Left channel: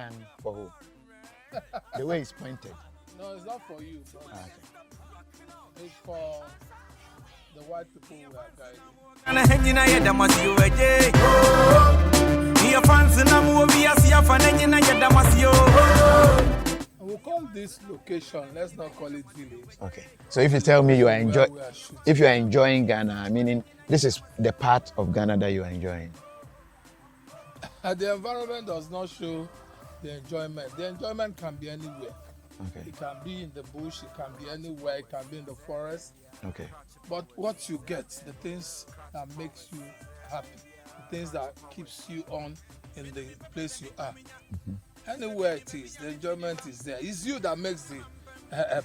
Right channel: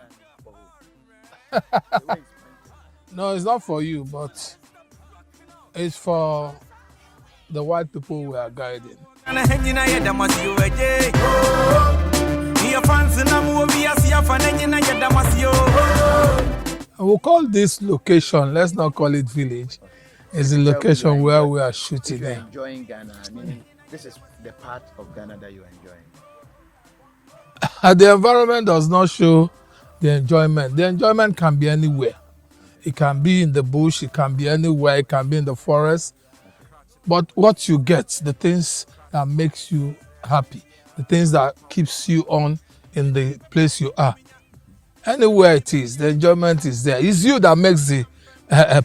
gun for who? The way it's pointed. No, it's not for you, but it's for the white people we are guiding. We'll call this location, let's not call it village. Okay. So It's if a you tell me location where we are shooting. if you are enjoying Ghana, meaning this is the part of Ghana that you are enjoying. The environment does not show the enjoyment. The enjoyment can be anywhere. Okay. It can be in the bush, it can be anywhere, it can be in the forest. Okay. But what you get, the things that makes you happy, the things that keeps you on in the place you are. Anywhere it is, the enjoyment is there. It's you that makes the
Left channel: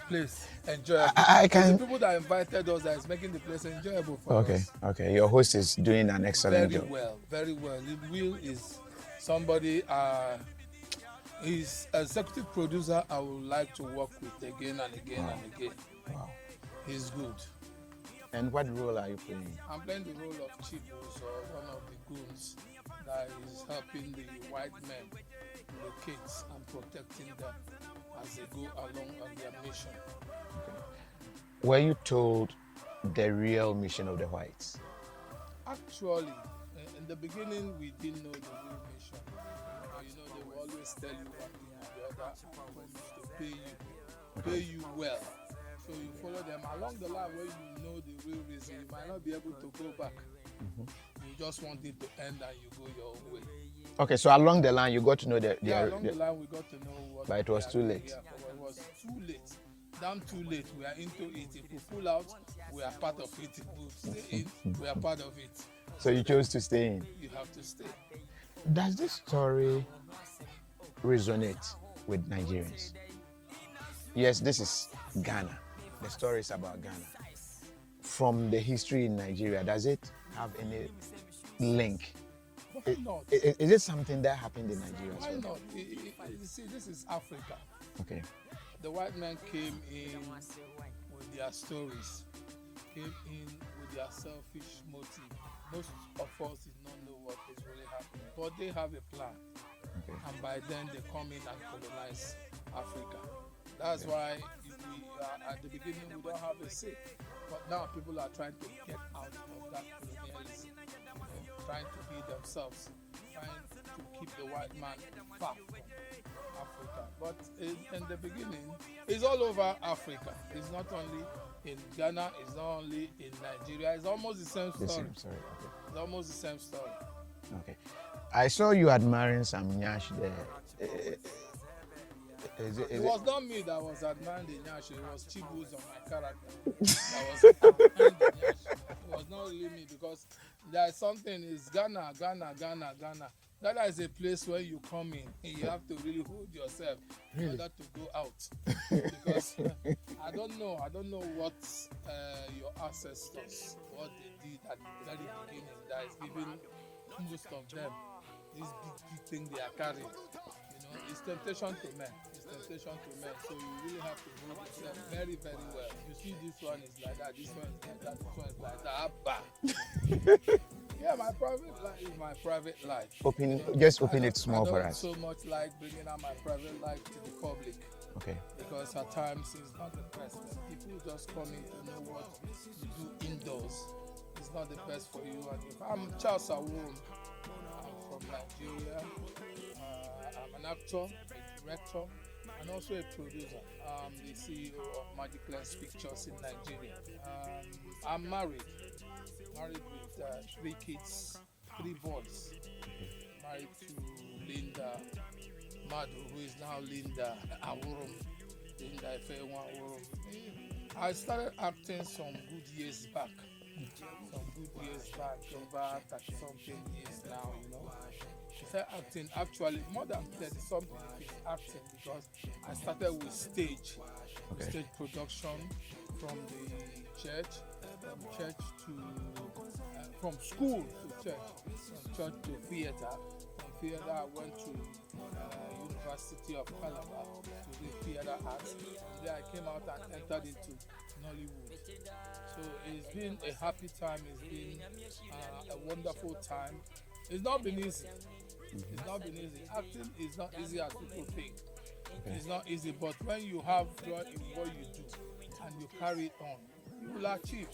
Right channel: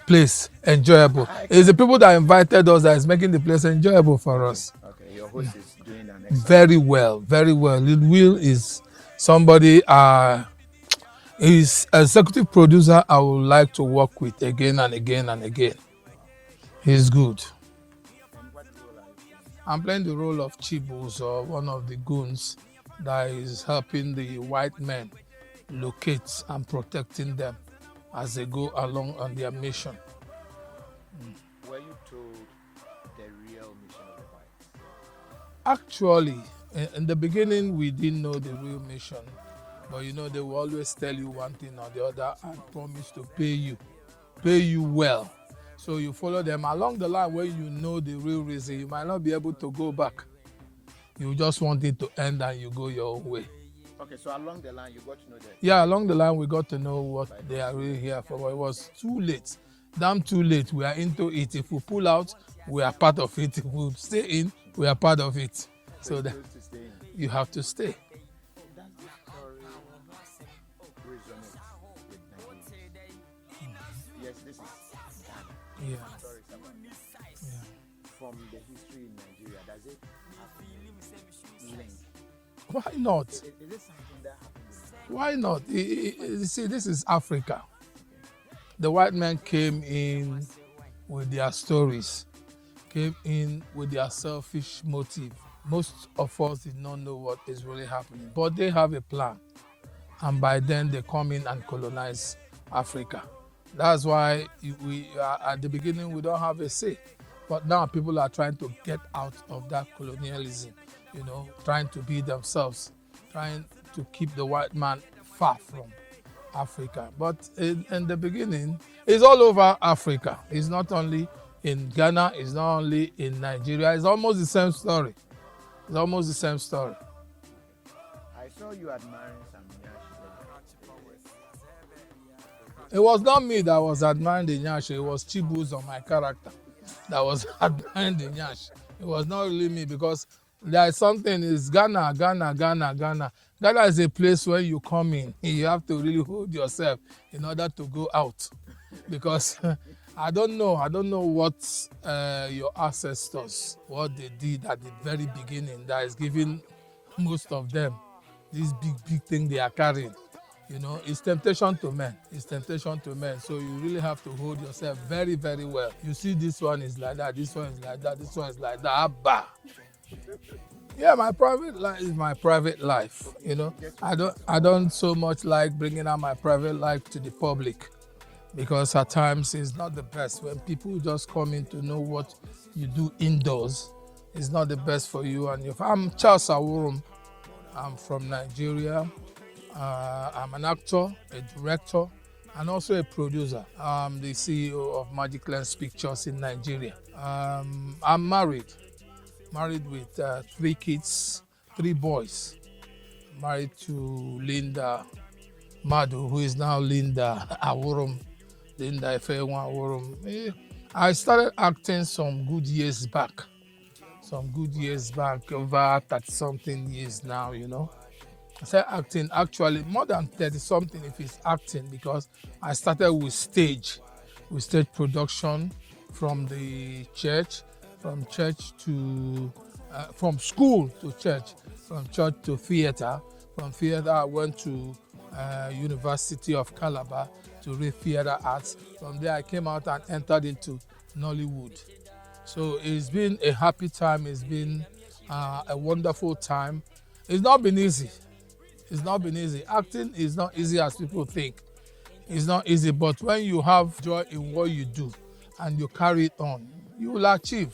place enjoyable. It's the people that invited us that is making the place enjoyable for us. Okay, your host is doing an excellent Very job. well, very well. Will is somebody, he's executive producer I would like to work with again and again and again. Wow. He's good. And what role are you playing? I'm playing the role of Chibus, or one of the goons that is helping the white men locate and protecting them as they go along on their mission. Were you told the real mission of the whites? Actually, in the beginning, we didn't know the real mission. But you know, they will always tell you one thing or the other and promise to pay you well. So you follow them along the line where you know the real reason. You might not be able to go back. You just want it to end and you go your own way. Okay, so along the line you got to know that. Yeah, along the line we got to know what But it they was are too really late. here for. But it was too late. Damn too late. We are into it. If we pull out, we are part of it. If we stay in, we are part of it. So you chose to stay in. You have to stay. Does this story resonate with Nigerians? Yes, this is Ghana. Yeah. The story is about Ghana. From the history in Nigeria, does it have any link? Why not? Is it something that happened in Nigeria? Why not? You see, this is Africa. Okay. The white men came in with their stories, came in with their selfish motive. Most of us did not know what is really happening, but they have a plan. And by then they come in and colonize Africa. That's why at the beginning we don't have a say. But now people are trying to get out of that colonialism, you know, trying to be themselves, trying to keep the white man far from Africa. But in the beginning, it's all over Africa. It's not only in Ghana, it's not only in Nigeria. It's almost the same story. It's almost the same story. Okay. I saw you admiring some Nyash there. It was not me that was admiring the Nyash, it was Chibus on my character that was admiring the Nyash. It was not really me, because there is something, is Ghana. Ghana is a place where you come in, you have to really hold yourself in order to go out. Because I don't know what your ancestors, what they did at the very beginning that is giving most of them this big thing they are carrying. You know, it's temptation to men. It's temptation to men. So you really have to hold yourself very, very well. You see, this one is like that, this one is like that, this one is like that. Abba. Yeah, my private life is my private life. Open, you know, just open I don't so much like bringing out my private life to the public. Okay. Because at times it's not the best. When people just come in to know what you do indoors, it's not the best for you and your family. I'm Charles Awurum. I'm from Nigeria. I'm an actor, a director, and also a producer. I'm the CEO of Magic Lens Pictures in Nigeria. I'm married with 3 kids, 3 boys. Married to Linda Madu, who is now Linda Awurum, Linda Efewa Awurum. I started acting some good years back, over 30-something years now, you know. I started acting actually more than 30-something if it's acting, because I started with stage production from the church, from school to church, from church to theater. From theater I went to University of Calabar to read theater arts. From there I came out and entered into Nollywood. So it's been a happy time, it's been a wonderful time. It's not been easy. It's not been easy. Acting is not easy as people think. It's not easy, but when you have joy in what you do and you carry it on, you will achieve.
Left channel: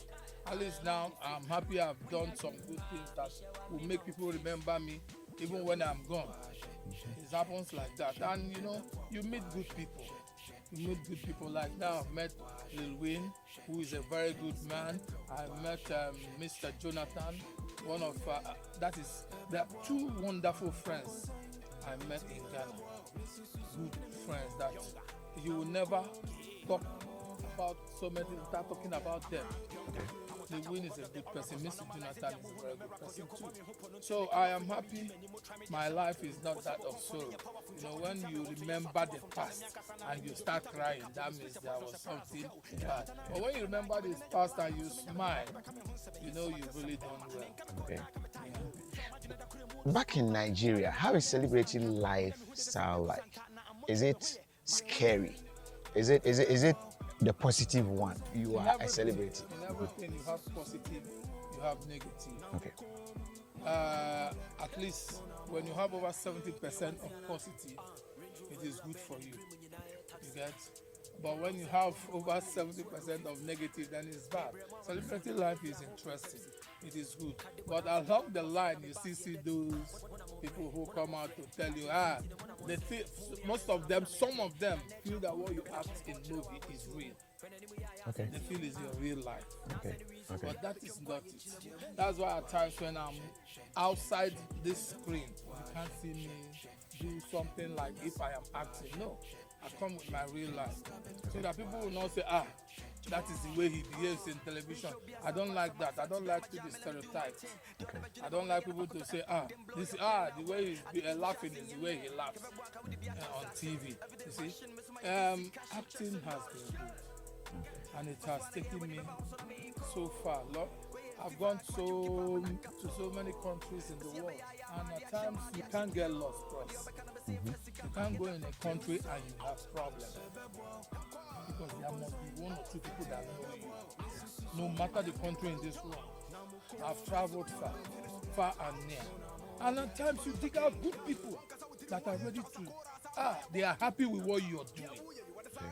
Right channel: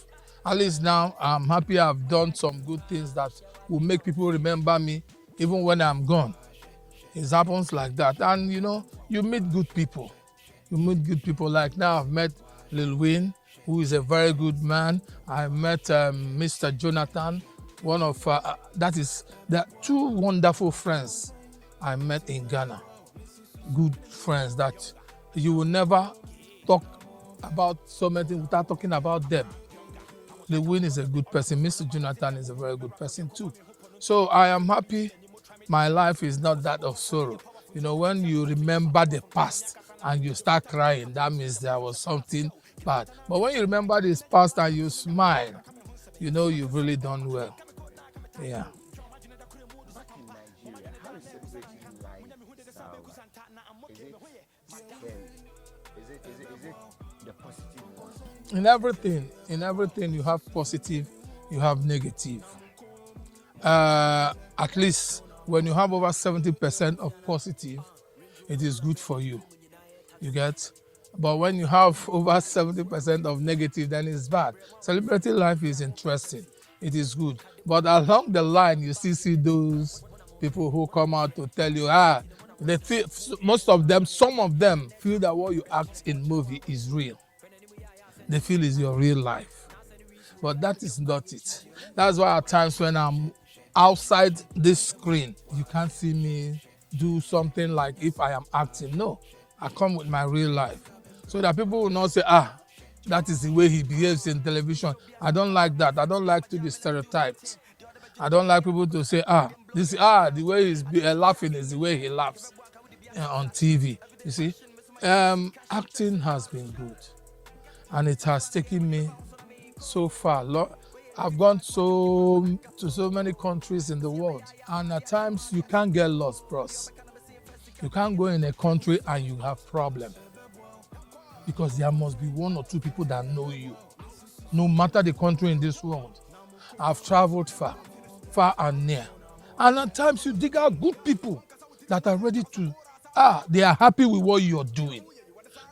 At least now, I'm happy I've done some good things that will make people remember me even when I'm gone. It happens like that. And, you meet good people. You meet good people. Like now, I've met Lil Wayne, who is a very good man. I met Mr. Jonathan, one of, there are two wonderful friends I met in Ghana. Good friends that you will never talk about so many things without talking about them. Lil Wayne is a good person. Mr. Jonathan is a very good person too. So I am happy my life is not that of sorrow. When you remember the past and you start crying, that means there was something bad. But when you remember this past and you smile, you've really done well. Yeah. Back in Nigeria, how is celebrity lifestyle like? Is it scary? Is it the positive one? In everything you have positive, you have negative. At least when you have over 70% of positive, it is good for you. You get? But when you have over 70% of negative, then it's bad. Celebrity life is interesting. It is good. But along the line, you still see those people who come out to tell you, they feel, some of them feel that what you act in movie is real. Okay. They feel it's your real life. Okay. But that is not it. That's why at times when I'm outside this screen, you can't see me do something like if I am acting. No, I come with my real life. So that people will not say, that is the way he behaves in television. I don't like that. I don't like to be stereotyped. I don't like people to say, the way he's laughing is the way he laughs on TV. You see, acting has been good, and it has taken me so far. I've gone to so many countries in the world, and at times you can't get lost, bros. You can't go in a country and you have problem, because there must be one or two people that know you, no matter the country in this world. I've traveled far and near, and at times you dig out good people that are ready to, they are happy with what you're doing.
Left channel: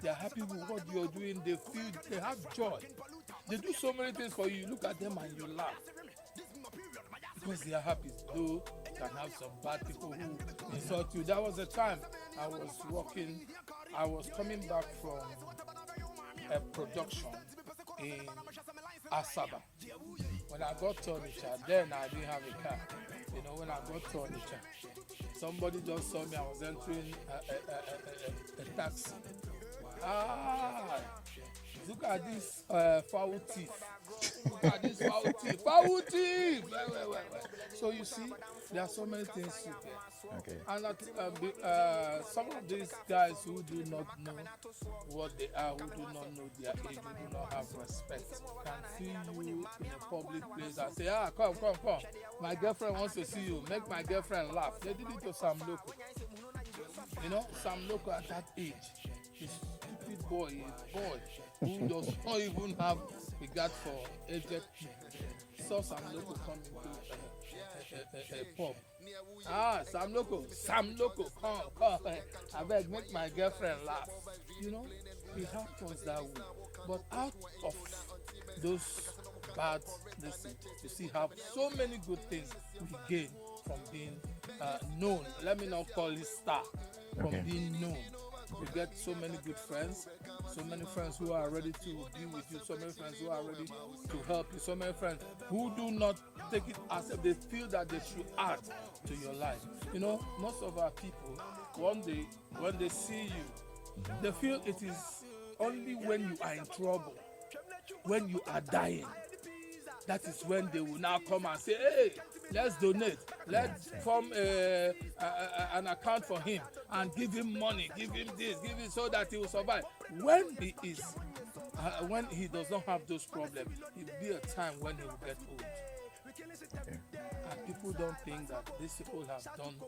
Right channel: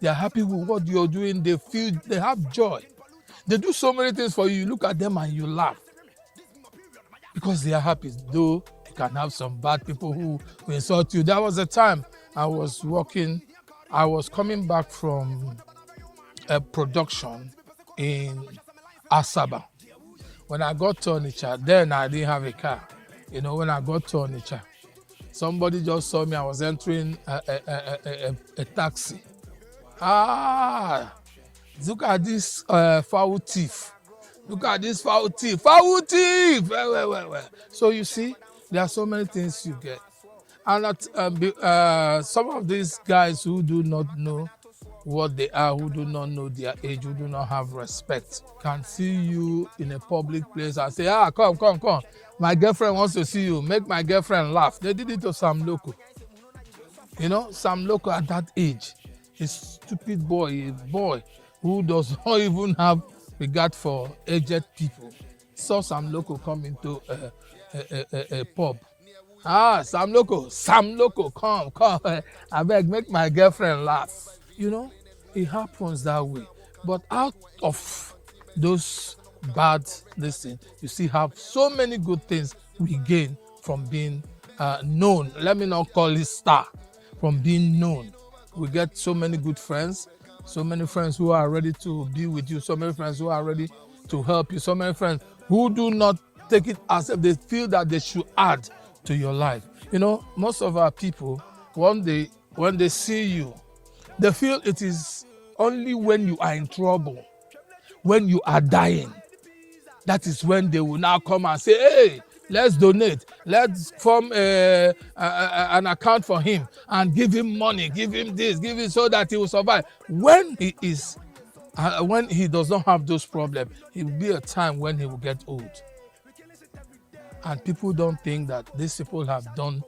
They are happy with what you're doing. They feel, they have joy. They do so many things for you. You look at them and you laugh because they are happy. Though you can have some bad people who insult you. There was a time I was coming back from a production in Asaba. When I got to Onitsha, then I didn't have a car. When I got to Onitsha, somebody just saw me. I was entering a taxi. Look at this foul thief. Look at this foul thief. Foul thief! Well. So you see, there are so many things you get. And some of these guys who do not know what they are, who do not know their age, who do not have respect, can see you in a public place and say, come. My girlfriend wants to see you. Make my girlfriend laugh. They did it to Sam Loco. Sam Loco at that age, a stupid boy, a boy who does not even have regard for aged people, saw Sam Loco come into a pub. Sam Loco, come. I beg, make my girlfriend laugh. It happens that way. But out of those bad lessons, you see have so many good things we gain from being known. Let me not call it star. From being known. We get so many good friends, so many friends who are ready to be with you, so many friends who are ready to help you, so many friends who do not take it as if they feel that they should add to your life. Most of our people, when they see you, they feel it is only when you are in trouble, when you are dying, that is when they will now come and say, hey, let's donate, let's form an account for him and give him money, give him this, give him so that he will survive. When he does not have those problems, it will be a time when he will get old. And people don't think that these people have done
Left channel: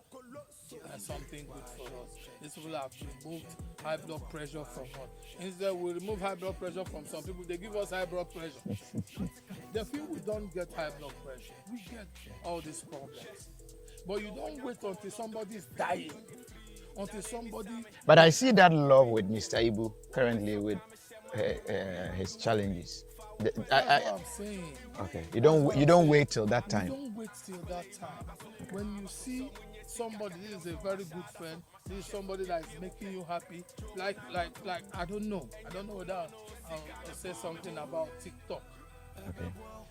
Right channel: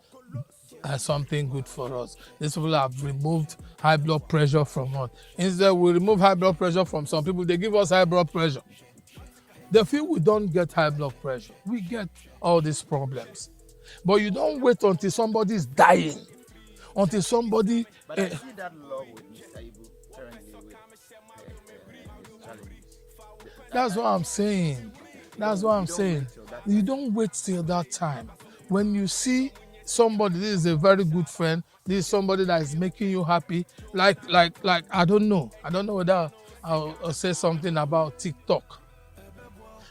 something good for us. These people have removed high blood pressure from us. Instead, we remove high blood pressure from some people. They give us high blood pressure. They feel we don't get high blood pressure. We get all these problems. But you don't wait until somebody's dying, until somebody. But I see that love with Mr. Ibu currently with his challenges. That's what I'm saying. Okay. You don't wait till that time. You don't wait till that time. When you see somebody, this is a very good friend, this is somebody that is making you happy. Like I don't know whether I'll say something about TikTok. Okay.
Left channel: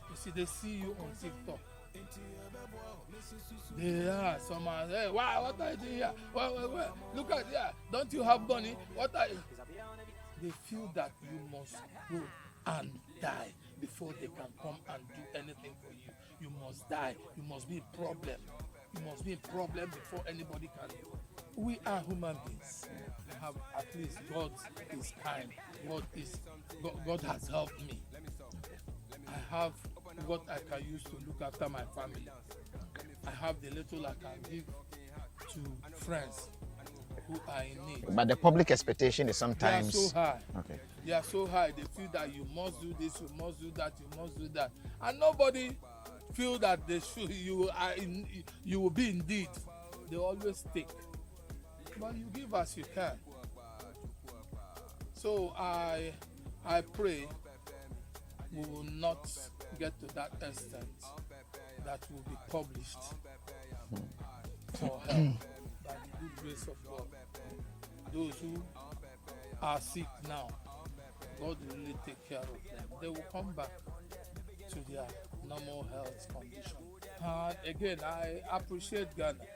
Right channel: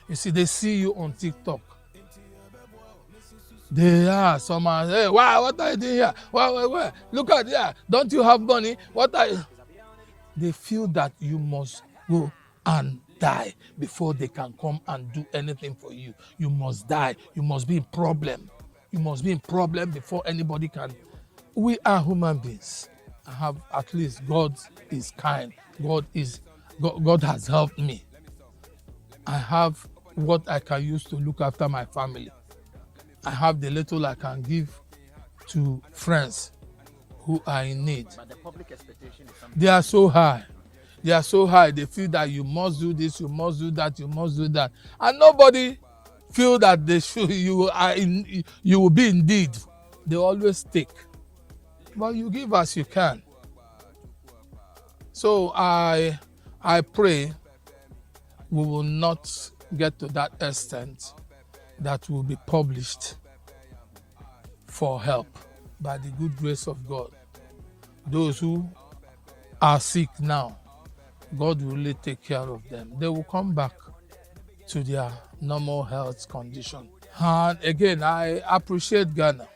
You see, they see you on TikTok. They are someone, hey, wow, what are you doing here? Wow. Look at here. Don't you have money? What are you? They feel that you must go and die before they can come and do anything for you. You must die. You must be in problem. You must be in problem before anybody can. We are human beings. I have, at least God is kind. God has helped me. I have what I can use to look after my family. I have the little I can give to friends who are in need. But the public expectation is sometimes... They are so high. Okay. They are so high. They feel that you must do this, you must do that, you must do that. And nobody feel that they should, you will be in need. They always take. But you give as you can. So I pray we will not get to that extent that will be published for help by the good grace of God. Those who are sick now, God will really take care of them. They will come back to their normal health condition. And again, I appreciate Ghana.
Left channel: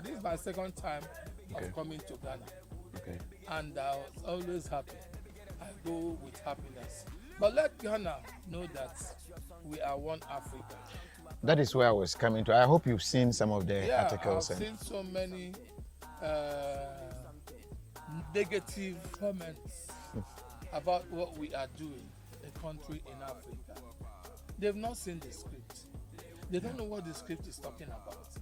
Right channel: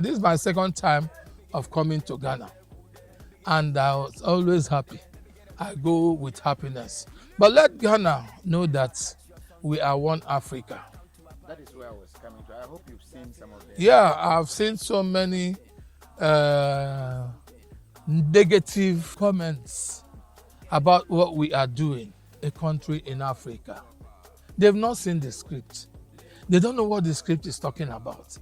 This is my second time of coming to Ghana. And I was always happy. I go with happiness. But let Ghana know that we are one Africa. That is where I was coming to. I hope you've seen some of the... Yeah, I've seen so many negative comments about what we are doing, a country in Africa. They've not seen the script. They don't know what the script is talking about.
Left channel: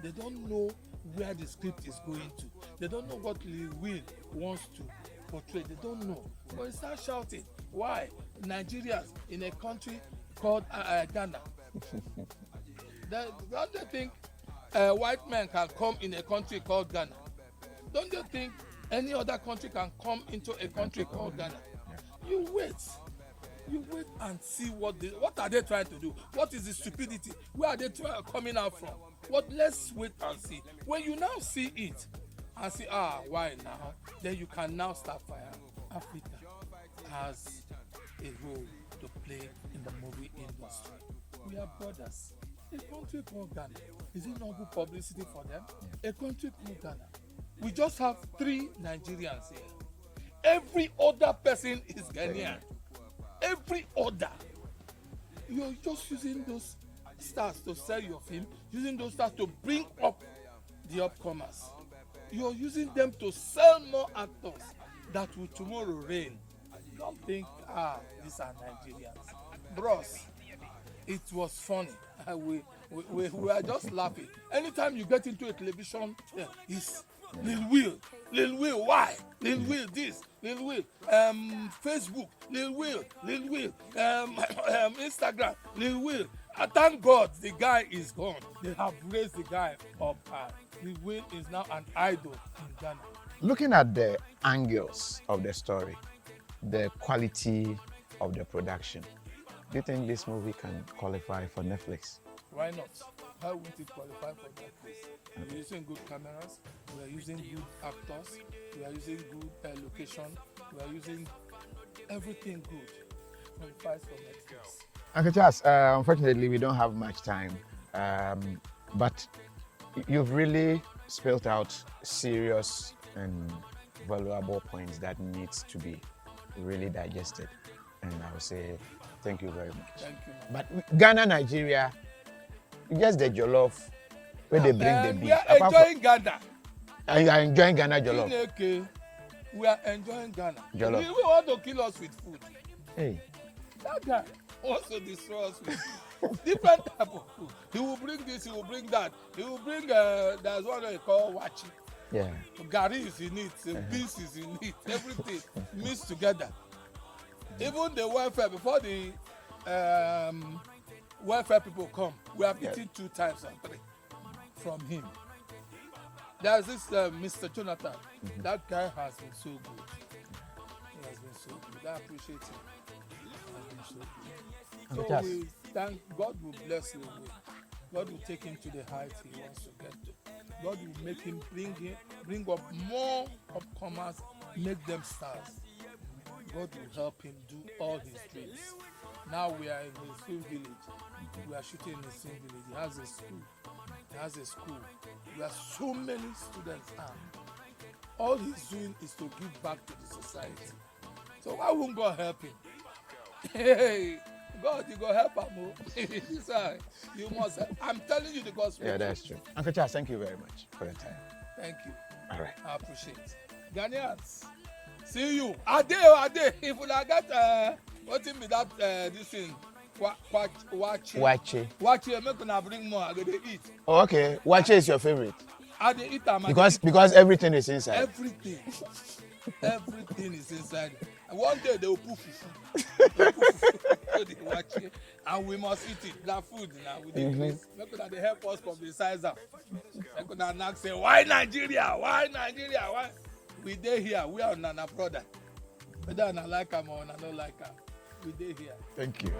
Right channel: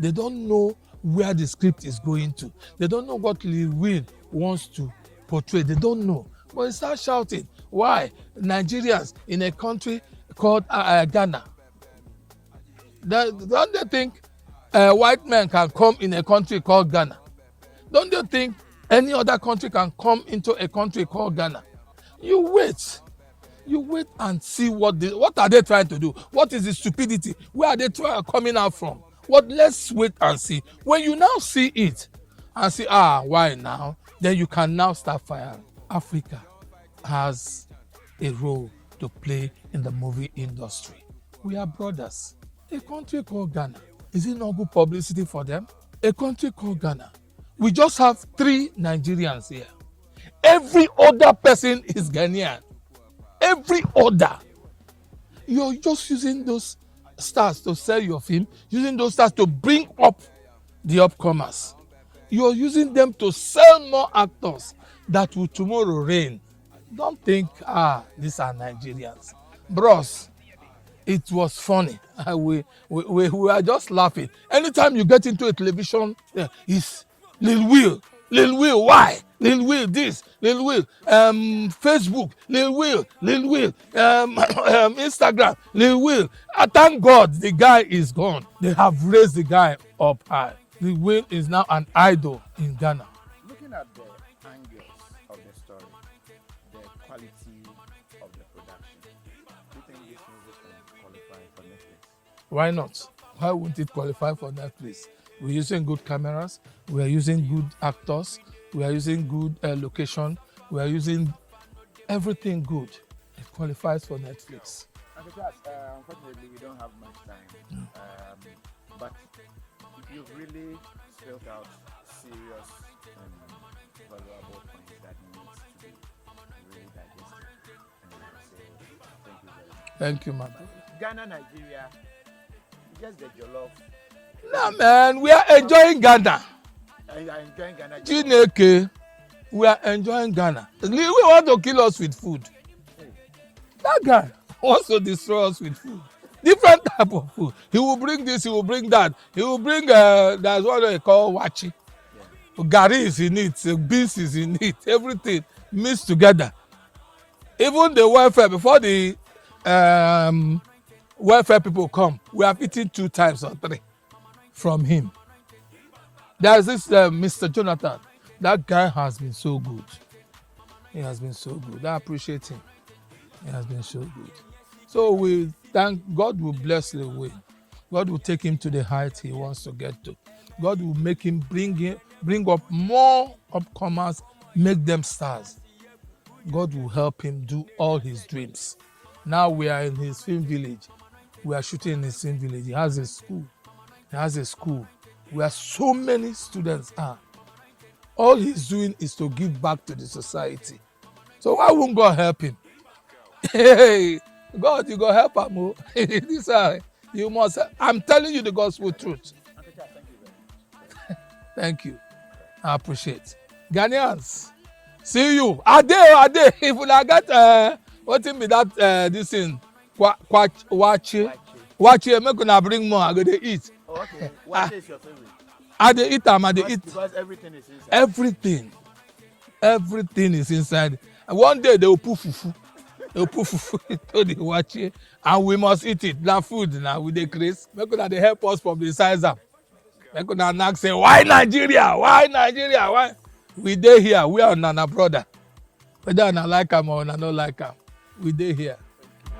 They don't know where the script is going to. They don't know what Lil Wayne wants to portray. They don't know. But they start shouting. Why? Nigerians in a country called Ghana. Don't they think white men can come in a country called Ghana? Don't they think any other country can come into a country called Ghana? You wait and see what are they trying to do? What is the stupidity? Where are they coming out from? Let's wait and see. When you now see it and see, why now? Then you can now start firing. Africa has a role to play in the movie industry. We are brothers. A country called Ghana, is it not good publicity for them? A country called Ghana. We just have 3 Nigerians here. Every other person is Ghanaian. Every other. You're just using those stars to sell your film, using those stars to bring up the upcomers. You're using them to sell more actors that will tomorrow reign. Don't think, these are Nigerians. Bros, it was funny. We are just laughing. Anytime you get into a television, it's Lil Will, why? Lil Will this, Lil Will, Facebook, Lil Will, Instagram, Lil Will. Thank God the guy is gone. They have raised the guy up high. Lil Will is now an idol in Ghana. Looking at the angles of the story, the quality of the production, do you think this movie can qualify for Netflix? Why not? Why wouldn't it qualify for Netflix? We're using good cameras, we are using good actors, we are using good location, we are using everything good. It qualifies for Netflix. Uncle Charles, unfortunately, we don't have much time, but you've really spelled out serious and valuable points that needs to be really digested. And I would say thank you very much. Thank you, man. But Ghana, Nigeria, just the jollof. Yeah, man, we are enjoying Ghana. And you are enjoying Ghana jollof. Chineke, we are enjoying Ghana. We want to kill us with food. Hey. That guy wants to destroy us with food. Different type of food. He will bring this, he will bring that. He will bring, that's what they call wachi. Yeah. Gari is in it, beans is in it, everything mixed together. Even the welfare, before the welfare people come, we have eaten 2 times or 3. from him. There's this Mr. Jonathan. That guy has been so good. He has been so good. I appreciate him. He has been so good. So we thank God. Will bless the way. God will take him to the height he wants to get to. God will make him bring up more upcomers, make them stars. God will help him do all his dreams. Now we are in his film village. We are shooting in his film village. He has a school. Where so many students are. All he's doing is to give back to the society. So why won't God help him? Hey, God, you go help him. This you must. I'm telling you the gospel truth. Uncle Charles, thank you very much for your time. Thank you. All right. I appreciate. Ghanaians, see you. Ade. If we get what in be that this thing. Wache. Make una bring more. I go to eat. Oh, okay. Wache is your favorite. I dey eat am. Because everything is inside. Everything is inside. One day they will put fufu. They will put fufu to the wache, and we must eat it. Na food now with the grace. Make una dey help us publicize am. Make una knack say why Nigeria? Why? We dey here. We are una brother. Whether una like am or una no like am, we dey here. Thank you.